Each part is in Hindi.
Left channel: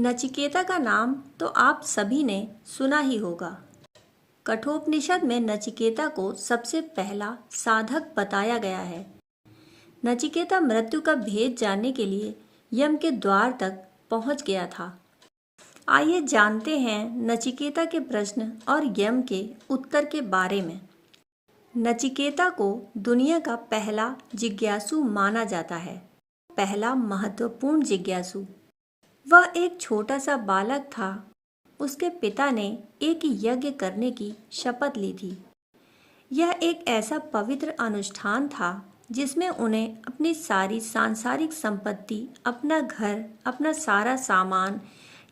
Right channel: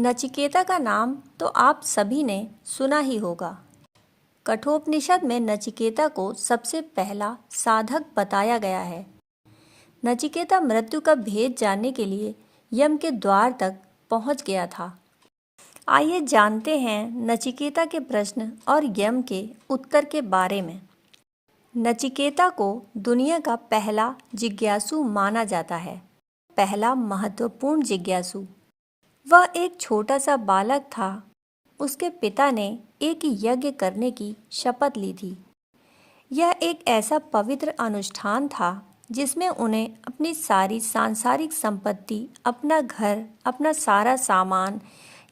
नचिकेता का नाम तो आप सभी ने सुना ही होगा। कठोपनिषद में नचिकेता को सबसे पहला साधक बताया गया है। नचिकेता मृत्यु का भेद जानने के लिए यम के द्वार तक पहुंच गया था। आइए जानते हैं नचिकेता के प्रश्न और यम के उत्तर के बारे में। नचिकेता को दुनिया का पहला जिज्ञासु माना जाता है। पहला महत्वपूर्ण जिज्ञासु। वह एक छोटा सा बालक था। उसके पिता ने एक यज्ञ करने की शपथ ली थी। यह एक ऐसा पवित्र अनुष्ठान था जिसमें उन्हें अपनी सारी सांसारिक संपत्ति, अपना घर, अपना सारा सामान,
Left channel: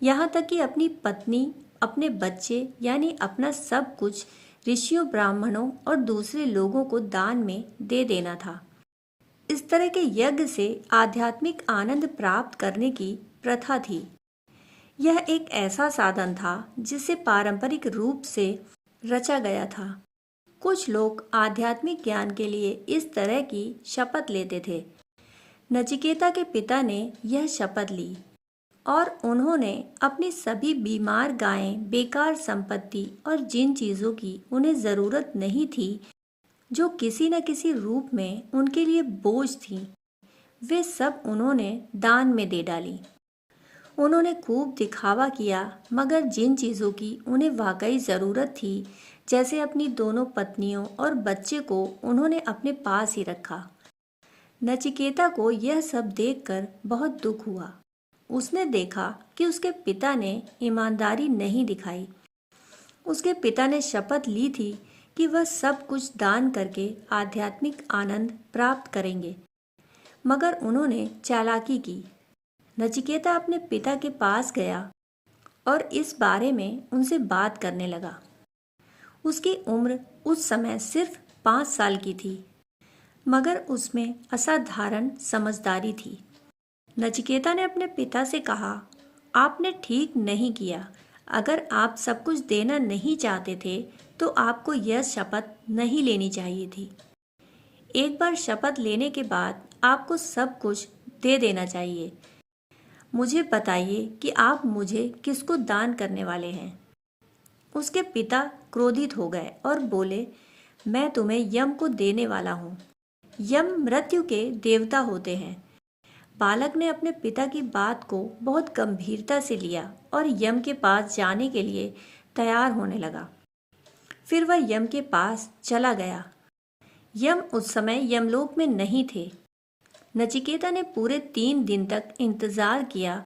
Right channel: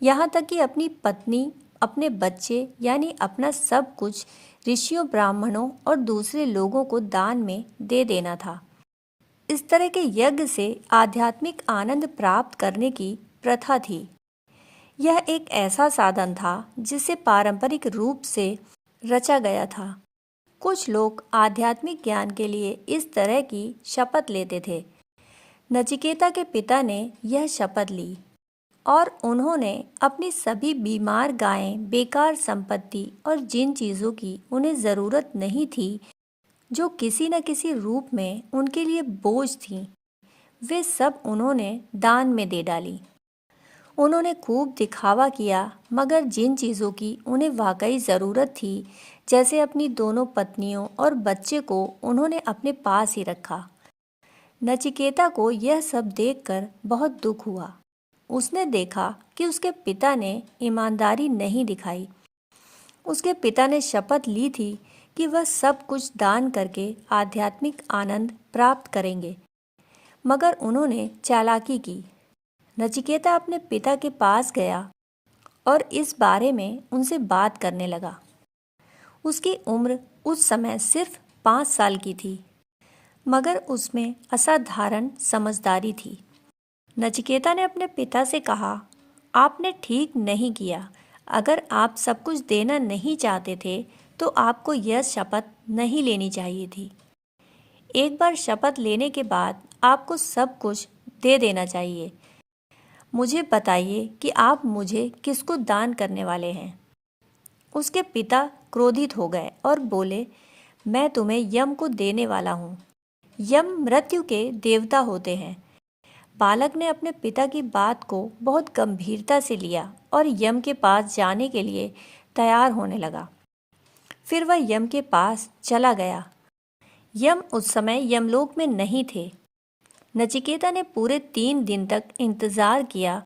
यहाँ तक कि अपनी पत्नी, अपने बच्चे यानी अपना सब कुछ ऋषियों, ब्राह्मणों और दूसरे लोगों को दान में दे देना था। इस तरह के यज्ञ से आध्यात्मिक आनंद प्राप्त करने की प्रथा थी। यह एक ऐसा साधन था जिसे पारंपरिक रूप से रचा गया था। कुछ लोग आध्यात्मिक ज्ञान के लिए इस तरह की शपथ लेते थे। नचिकेता के पिता ने यह शपथ ली और उन्होंने अपनी सभी बीमार गायें, बेकार संपत्ति और जिन चीज़ों की उन्हें ज़रूरत नहीं थी, जो किसी न किसी रूप में उनके लिए बोझ थीं, वे सब उन्होंने दान में दे डाली। उन्होंने खूब दिखावा किया, मगर जिन चीज़ों की उन्हें वाकई ज़रूरत थी, जैसे अपनी दोनों पत्नियों और बच्चे को, उन्होंने अपने पास ही रखा। नचिकेता को यह सब देखकर बहुत दुख हुआ। उसने देखा कि उसके पिता ने ईमानदारी नहीं दिखाई। उसके पिता ने शपथ ली थी कि वह सब कुछ दान करके आध्यात्मिक आनंद प्राप्त करेंगे, मगर उन्होंने चालाकी की। नचिकेता अपने पिता के पास गया और इस बारे में उनसे बात करने लगा। उसकी उम्र उस समय सिर्फ 5 साल की थी, मगर उसमें असाधारण समझदारी थी। नचिकेता ने अपने पिता से कहा, आपने ठीक नहीं किया। अगर आप सब कुछ देना नहीं चाहते थे तो आपको यह शपथ नहीं लेनी चाहिए थी। एक बार शपथ लेने के बाद आपको सब कुछ दे देना चाहिए। मुझे बताइए कि आप मुझे किसको दान करने वाले हैं। उसके पिता क्रोधित हो गए और बोले, मैं तुम्हें यम को देने वाला हूँ। यम मृत्यु के देवता होते हैं। बालक ने अपने पिता की बात को बहुत गंभीरता से लिया और यम के पास जाने के लिए तैयार होने लगा। फिर वह यम के पास चला गया। यम उस समय यमलोक में नहीं थे। नचिकेता ने पूरे 3 दिन तक इंतजार किया।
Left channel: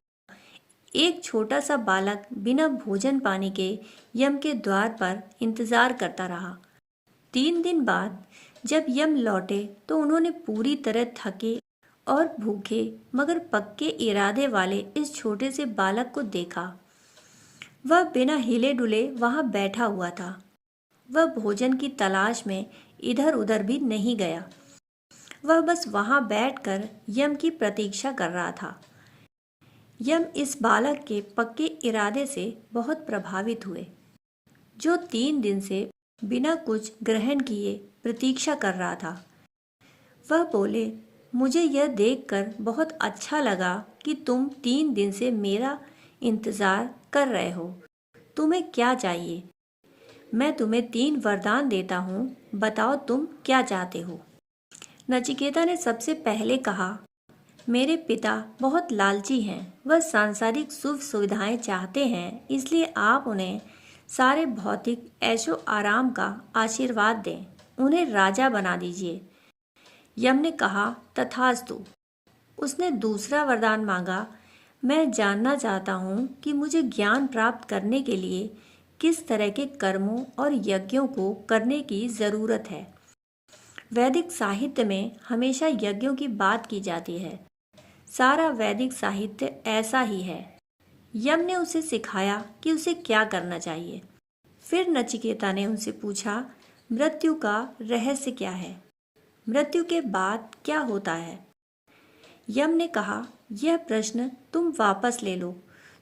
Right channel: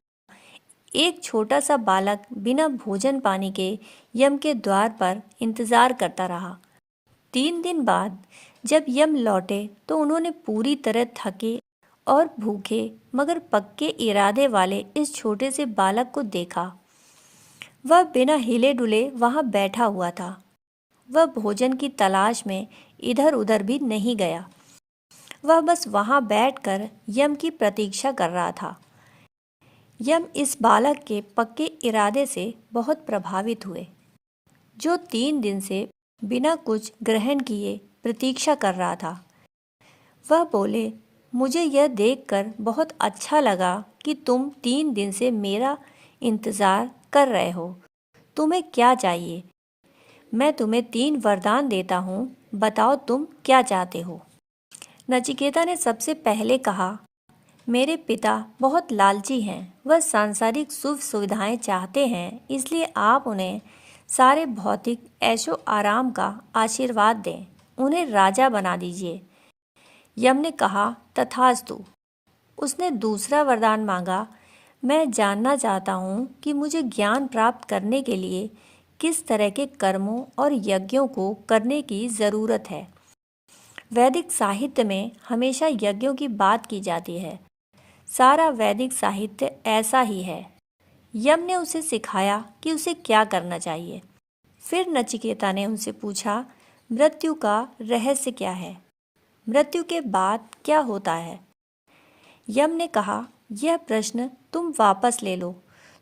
एक छोटा सा बालक बिना भोजन पानी के यम के द्वार पर इंतजार करता रहा। 3 दिन बाद जब यम लौटे तो उन्होंने पूरी तरह थके और भूखे मगर पक्के इरादे वाले इस छोटे से बालक को देखा। वह बिना हिले डुले वहां बैठा हुआ था। वह भोजन की तलाश में इधर उधर भी नहीं गया। वह बस वहां बैठकर यम की प्रतीक्षा कर रहा था। यम इस बालक के पक्के इरादे से बहुत प्रभावित हुए, जो 3 दिन से बिना कुछ ग्रहण किए प्रतीक्षा कर रहा था। वह बोले, मुझे यह देखकर बहुत अच्छा लगा कि तुम 3 दिन से मेरा इंतजार कर रहे हो। तुम्हें क्या चाहिए? मैं तुम्हें 3 वरदान देता हूँ। बताओ तुम क्या चाहते हो? नचिकेता ने सबसे पहले कहा, मेरे पिता बहुत लालची हैं। वह सांसारिक सुख सुविधाएं चाहते हैं, इसलिए आप उन्हें सारे भौतिक ऐशो आराम का आशीर्वाद दें। उन्हें राजा बना दीजिए। यम ने कहा, तथास्तु। उसने दूसरा वरदान मांगा, मैं जानना चाहता हूँ कि मुझे ज्ञान प्राप्त करने के लिए किस तरह के कर्मों और यज्ञों को करने की ज़रूरत है। वैदिक साहित्य में हमेशा यज्ञों की बात की जाती है। सारा वैदिक साहित्य ऐसा ही है। यम ने उसे सिखाया कि उसे क्या करना चाहिए। फिर नचिकेता ने उनसे पूछा, मृत्यु का रहस्य क्या है? मृत्यु के बाद क्या होता है? यम ने कहा, यह प्रश्न तुम वापस ले लो।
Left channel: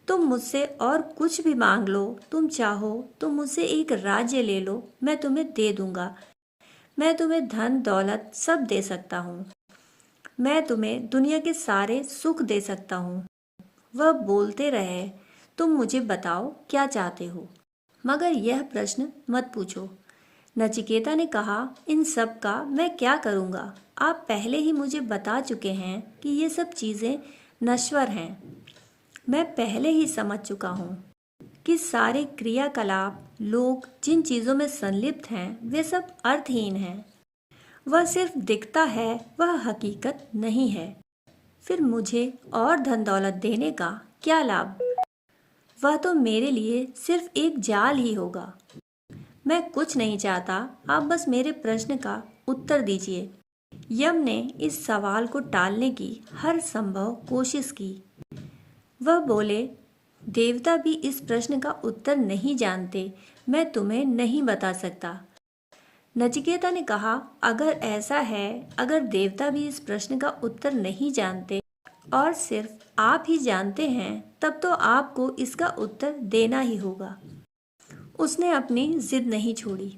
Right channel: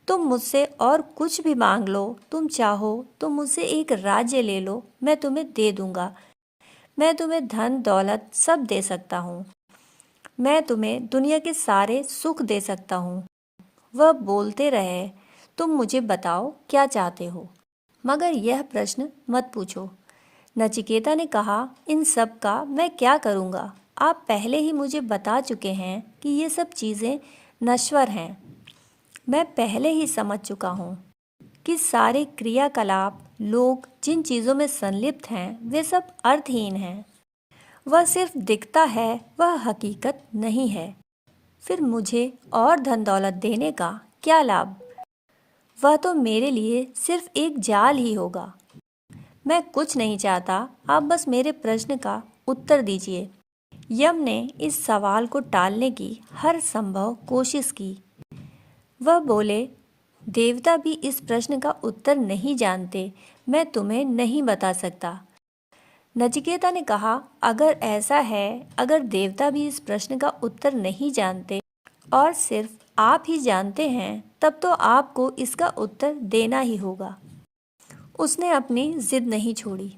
तुम मुझसे और कुछ भी मांग लो। तुम चाहो तो मुझसे एक राज्य ले लो, मैं तुम्हें दे दूंगा। मैं तुम्हें धन दौलत सब दे सकता हूँ। मैं तुम्हें दुनिया के सारे सुख दे सकता हूँ। वह बोलते रहे तुम मुझे बताओ क्या चाहते हो, मगर यह प्रश्न मत पूछो। नचिकेता ने कहा, इन सब का मैं क्या करूँगा? आप पहले ही मुझे बता चुके हैं कि ये सब चीज़ें नश्वर हैं। मैं पहले ही समझ चुका हूँ कि सारे क्रियाकलाप, लोग जिन चीज़ों में संलिप्त हैं, वे सब अर्थहीन हैं। वह सिर्फ दिखता है, वह हकीकत नहीं है। फिर मुझे और धन दौलत देने का क्या लाभ? वह तो मेरे लिए सिर्फ एक जाल ही होगा। मैं कुछ नहीं चाहता, आप बस मेरे प्रश्न का उत्तर दीजिए। यम ने इस सवाल को टालने की हर संभव कोशिश की। वह बोले, देवता भी इस प्रश्न का उत्तर नहीं जानते, मैं तुम्हें नहीं बता सकता। नचिकेता ने कहा, अगर ऐसा है, अगर देवता भी इस प्रश्न का उत्तर नहीं जानते और सिर्फ आप ही जानते हैं, तब तो आपको इसका उत्तर देना ही होगा। उसने अपनी जिद नहीं छोड़ी।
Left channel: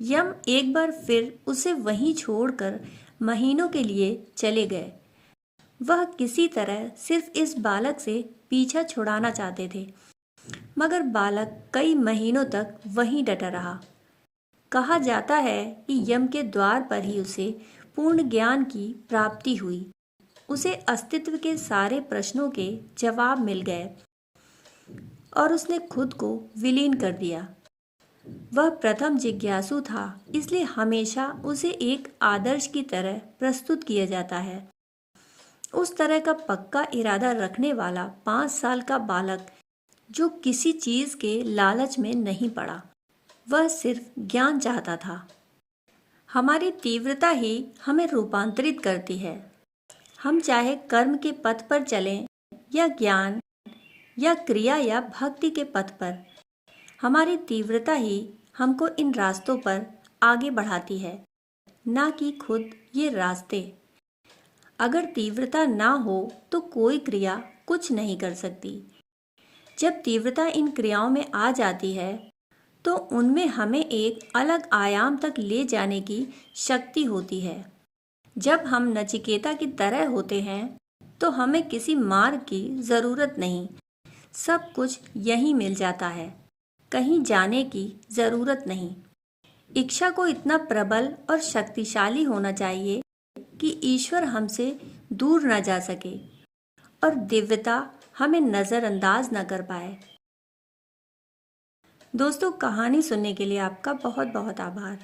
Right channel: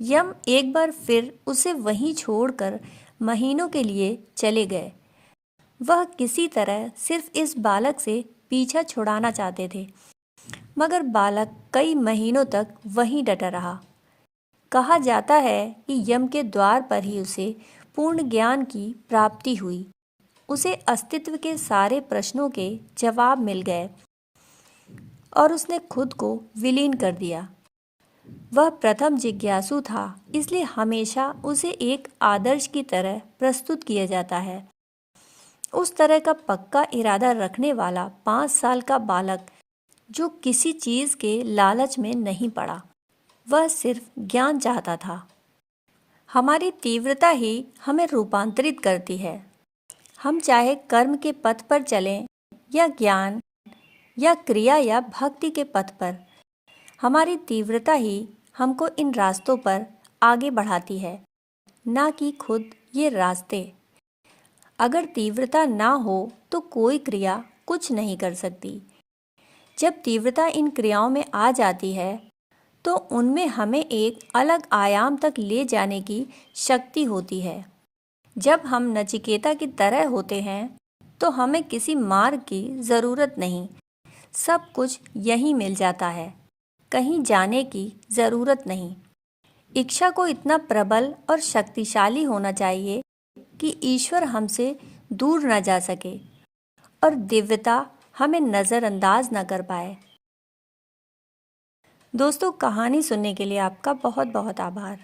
यम एक बार फिर उसे वहीं छोड़कर महीनों के लिए चले गए। वह किसी तरह सिर्फ इस बालक से पीछा छुड़ाना चाहते थे, मगर बालक कई महीनों तक वहीं डटा रहा। कहा जाता है कि यम के द्वार पर ही उसे पूर्ण ज्ञान की प्राप्ति हुई। उसे अस्तित्व के सारे प्रश्नों के जवाब मिल गए और उसने खुद को विलीन कर दिया। वह प्रथम जिज्ञासु था, इसलिए हमेशा उसे एक आदर्श की तरह प्रस्तुत किया जाता है। उस तरह का पक्का इरादा रखने वाला 5 साल का बालक जो किसी चीज के लालच में नहीं पड़ा, वह सिर्फ ज्ञान चाहता था। हमारी तीव्रता ही हमें रूपांतरित करती है। हम चाहे कर्म के पथ पर चलें या ज्ञान या क्रिया या भक्ति के पथ पर, हमारी तीव्रता ही हमको इन रास्तों पर आगे बढ़ाती है, ना कि खुद ये रास्ते। अगर तीव्रता ना हो तो कोई क्रिया कुछ नहीं कर सकती। जब तीव्रता इन क्रियाओं में आ जाती है तो उनमें हमें एक अलग आयाम तक ले जाने की शक्ति होती है। जब हम नचिकेता की तरह होते हैं तो हमें किसी मार्ग की जरूरत नहीं, सब कुछ यहीं मिल जाता है, कहीं जाने की जरूरत नहीं। इच्छा को इतना प्रबल और शक्तिशाली होना चाहिए कि ईश्वर हमसे दूर न जा सके और दिव्यता हमें नजरअंदाज न कर पाए। दोस्तों, कहानी सुनने के लिए आपका बहुत बहुत आभार।